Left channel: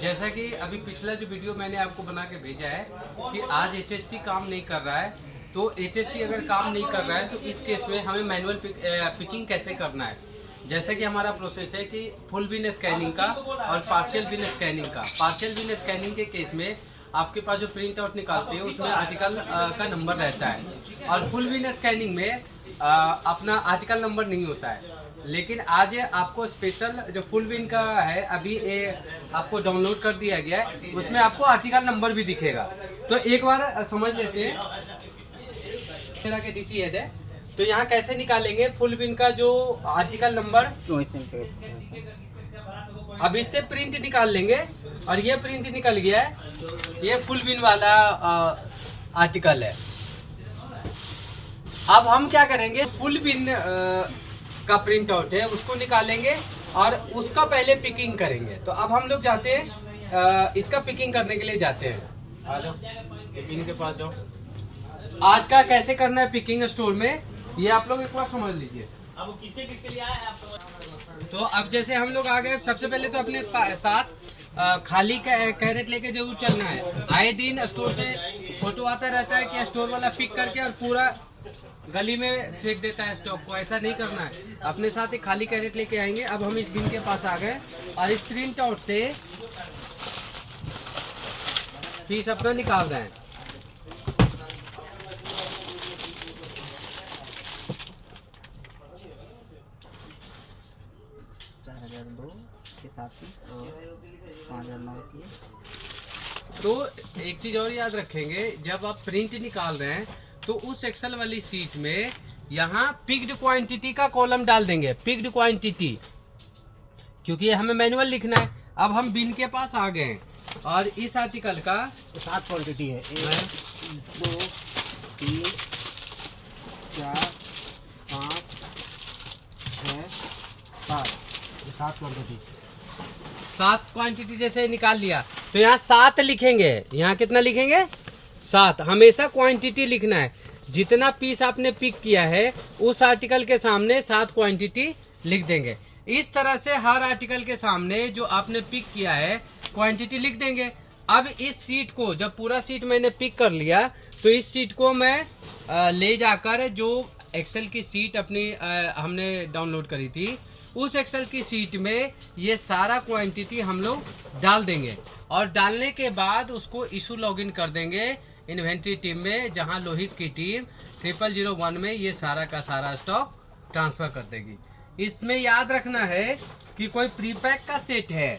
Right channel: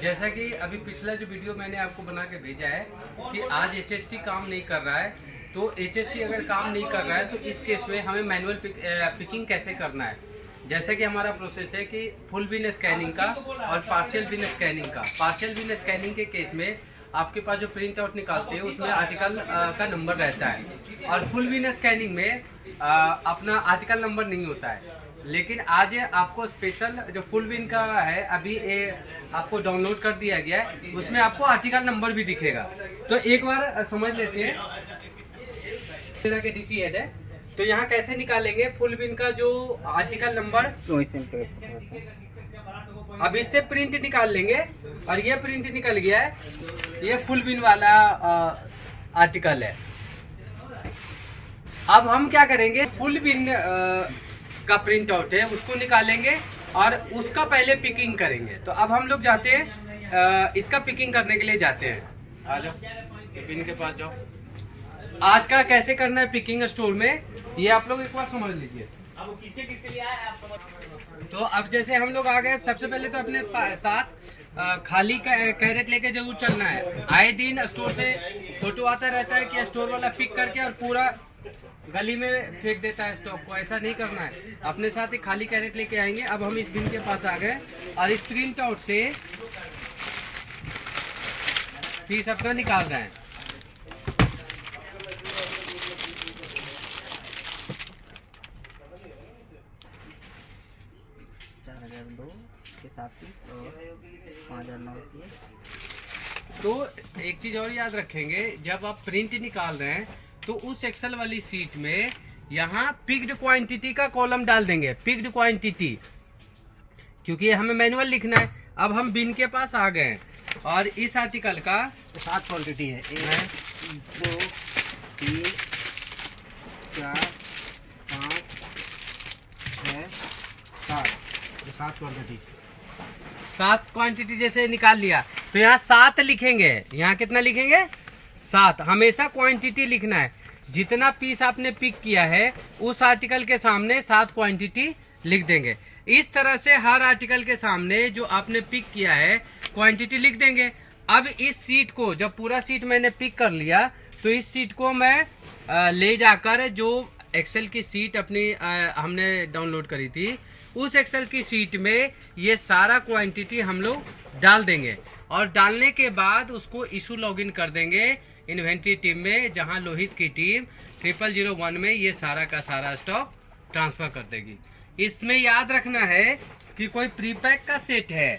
जैसा कि अभी पिछला जो वीडियो मैंने आपको बना के भेजा है कि आज एचएसटी काम नहीं कर रहा है, तो एचएसटी अगर काम नहीं कर रहा है तो इस केस में हमें मैनुअल पिकिंग कैसे करना है। जैसे कि हमारा प्रोसेस है कि फुल विन स्कैनिंग का और पार्शियल विन स्कैनिंग का। पार्शियल विन स्कैनिंग के केस में आपके पास जो प्रिंट आउट निकालते हैं उसमें आर्टिकल का नंबर रहता है, और फुल विन स्कैनिंग में अपना आर्टिकल नंबर नहीं होता है। लेकिन आज आपको स्पेशल जो फुल विन का है अभी आपको डाउनलोड कर दिया गया है, उसमें आपको आर्टिकल नंबर भी दिखेगा। तो एक बार समझ लेते हैं। तरह के डीसी हेड है, तो यहाँ कैसे निकालेंगे फुल विन का जो आर्टिकल नंबर। अब इससे प्रिंट निकाल लेंगे, और ये प्रिंट निकल गया है, ये फुल विन वाला आर्टिकल है। अब हम क्या करेंगे, फुल विन का प्रिंट आउट है उसको निकालेंगे और उसका पहले पिकिंग करेंगे। तो अब हम लोग जाते हैं इसका पिकिंग करने के लिए जाते हैं। आ जाओ पिकिंग के पास जाओ। आज का कैसे करना है पिकिंग स्टोर में, ये आप लोग एक बार समझ लीजिए। अब किसके किसके लिए आया तो अब जैसे हम लोग आ गए, सबसे पहले तो अपने साथ खाली कैरेट लेके जरूर चलना है। आए दिन स्टोर से फोटो आता रहता है कि स्टोर वाला पिक करके और पूरा गली में फेंक देता है स्टॉक को। ऐसा नहीं करना है, अपने साथ एक खाली कैरेट लेके आएंगे। अब हम इस बिन के पास आ गए और इस प्रिंट आउट से पीस अपना निकाल रहे हैं। तो एक चीज और याद रखेंगे, जब आप प्रिंट निकाल रहे हैं तो उस एक्सेल वाली सीट में यहाँ पिक्ड क्वांटिटी का कॉलम डाल देंगे, पिक्ड क्वांटिटी, क्योंकि ये हमें मैनुअल लिखना है। अब हम बिन के पास आ गए और इस आर्टिकल का 7 क्वांटिटी है, 1 2 3 4 5 6 7, 7 क्वांटिटी। 7 क्वांटिटी जैसे निकाल लिया तो यहाँ 7 लिखेंगे। यहाँ कितना लिखेंगे? 7। हमेशा क्वांटिटी लिखना है। जितना पीस आपने पिक किया है उस आर्टिकल के सामने 7 क्वांटिटी लिख देंगे। इस तरह से हर आर्टिकल के सामने जो आपने पिक किया है क्वांटिटी लिख देंगे। अब इस सीट को, जब पूरा सीट मैंने पिक कर लिया तो इस सीट को मैं ले जाकर जो एक्सेल की सीट अपनी हमने डाउनलोड करी थी उस एक्सेल की सीट में ये सारा क्वांटिटी हम लोग डाल देंगे, और डालने के बाद उसको इशू लॉगिन कर देंगे इन्वेंट्री टीम में, जहां लोहित की टीम 0001 में ये सारा का सारा स्टॉक ट्रांसफर कर देगी। इसमें याद रखना है कि कोई प्रीपैक का सेट है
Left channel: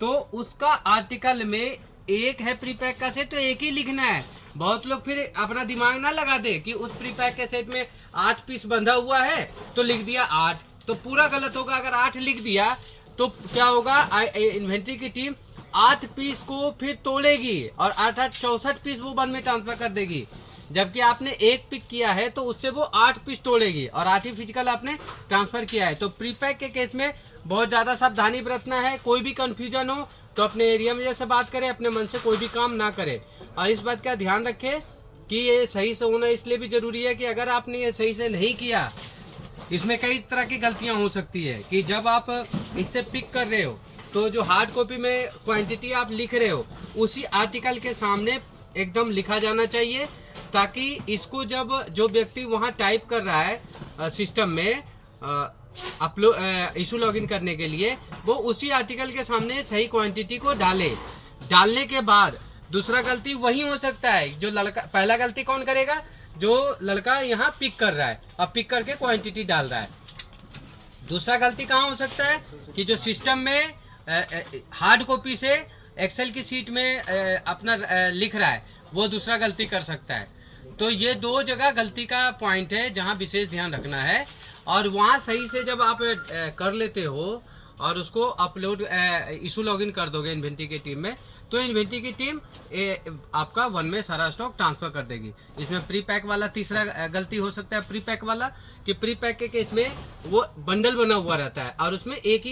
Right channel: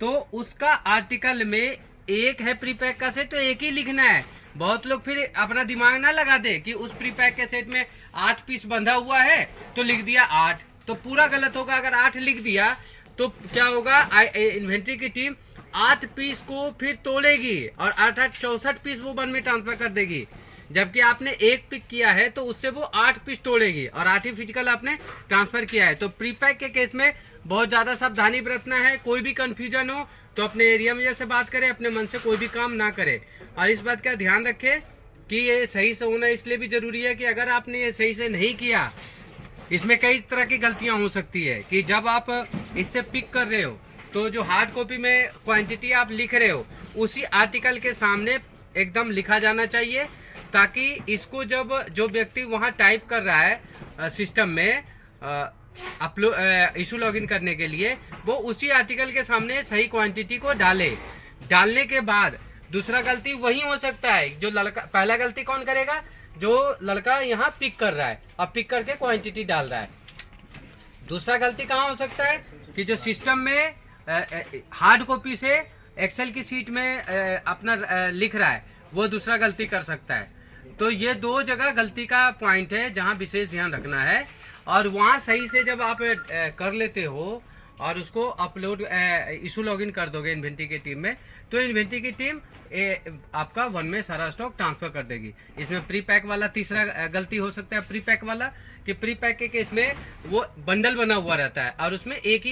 तो उसका आर्टिकल में एक है प्रीपैक का सेट तो एक ही लिखना है। बहुत लोग फिर अपना दिमाग ना लगा दे कि उस प्रीपैक के सेट में 8 पीस बंधा हुआ है तो लिख दिया 8, तो पूरा गलत होगा। अगर 8 लिख दिया तो क्या होगा, इन्वेंट्री की टीम 8 पीस को फिर तोड़ेगी और 8-8 64 पीस वो वन में ट्रांसफर कर देगी। जबकि आपने एक पिक किया है तो उससे वो 8 पीस तोड़ेगी और 8 ही फिजिकल आपने ट्रांसफर किया है। तो प्रीपैक के केस में बहुत ज्यादा सावधानी बरतना है। कोई भी कंफ्यूजन हो तो अपने एरिया मैनेजर से बात करें, अपने मन से कोई भी काम ना करे। और इस बात का ध्यान रखें कि ये सही से होना इसलिए भी जरूरी है कि अगर आपने ये सही से नहीं किया, इसमें कई तरह की गलतियां हो सकती है कि जब आप इससे पिक कर रहे हो तो जो हार्ड कॉपी में क्वांटिटी आप लिख रहे हो उसी आर्टिकल के सामने एकदम लिखा जाना चाहिए, ताकि इसको जब जो व्यक्ति वहां टाइप कर रहा है सिस्टम में अपलोड इशू लॉगिन करने के लिए, वो उसी आर्टिकल के सामने सही क्वांटिटी को डाले। डालने के बाद दूसरा गलती वही हो सकता है जो लड़का, पहला गलती कौन करेगा, जो लड़का यहाँ पिक कर रहा है अब पिक करके क्वांटिटी डाल रहा है। दूसरा गलती कहाँ हो सकता है कि जो सिस्टम में हार्ड कॉपी से एक्सेल की सीट में अपना लिख रहा है वो दूसरा गलती कर सकता है। तो ये 2 जगह गलती का पॉइंट है जहां विशेष ध्यान रखना है। और वहां सही से जब आप कर लेते हो और उसको अपलोड इशू लॉगिन कर दोगे इन्वेंट्री की टीम में, तो इन्वेंट्री की टीम आपका वन में सारा स्टॉक ट्रांसफर कर देगी। इसमें प्री पैक वाला तीसरा गलती हो सकता है, प्री पैक वाला कि प्री पैक के केस में वो बंडल बना हुआ रहता है और उसमें एक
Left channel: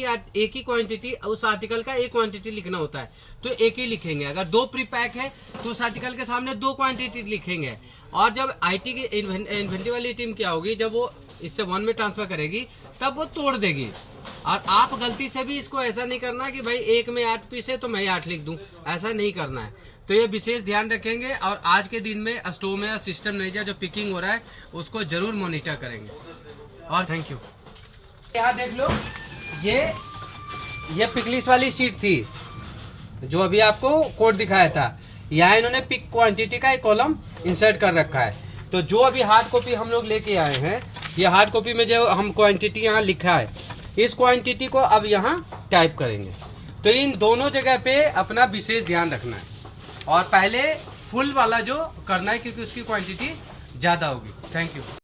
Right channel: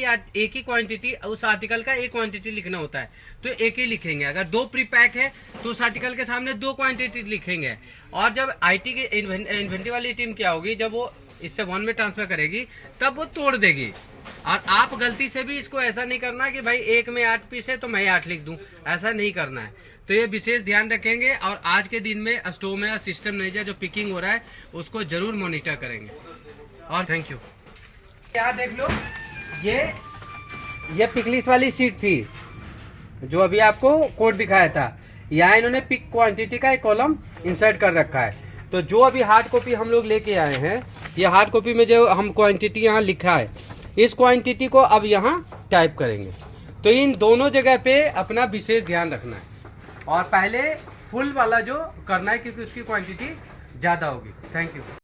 ही क्वांटिटी, उस आर्टिकल का एक क्वांटिटी लिखना होता है तो एक ही लिखेंगे। अगर 2 प्री पैक है तो उस आर्टिकल के सामने 2 क्वांटिटी लिखेंगे। और जब आईटी की इन्वेंट्री वाली टीम क्या होगी, जब वो इससे 1 में ट्रांसफर करेगी तब वो तोड़ देगी। और आप गलती से भी इसको ऐसा नहीं करना कि भाई 1 में 8 पीस है तो मैं 8 लिख दूं, ऐसा नहीं करना है। तो ये विशेष ध्यान रखेंगे और आज के दिन में स्टोव में सिस्टम नहीं जो पिकिंग हो रहा है उसको जरूर मॉनिटर करेंगे। और थैंक यू। यहाँ देख लो, ये पिकलिस्ट वाली शीट थी जो अभी आपको कोड दिखाया था। यहाँ इन्होंने पिक क्वांटिटी का एक कॉलम इंसर्ट कर रखा है। तो जो अभी हार्ड कॉपी हम लोग लेके आए हैं, ये हार्ड कॉपी में जो हम क्वांटिटी यहाँ लिखा है, इस क्वांटिटी को अब यहाँ टाइप करेंगे। तो इन दोनों जगह पे अपना विशेष ध्यान रखना है और पहले फुल वाला जो करना है क्योंकि उसकी क्वांटिटी ज्यादा होगी। Thank you.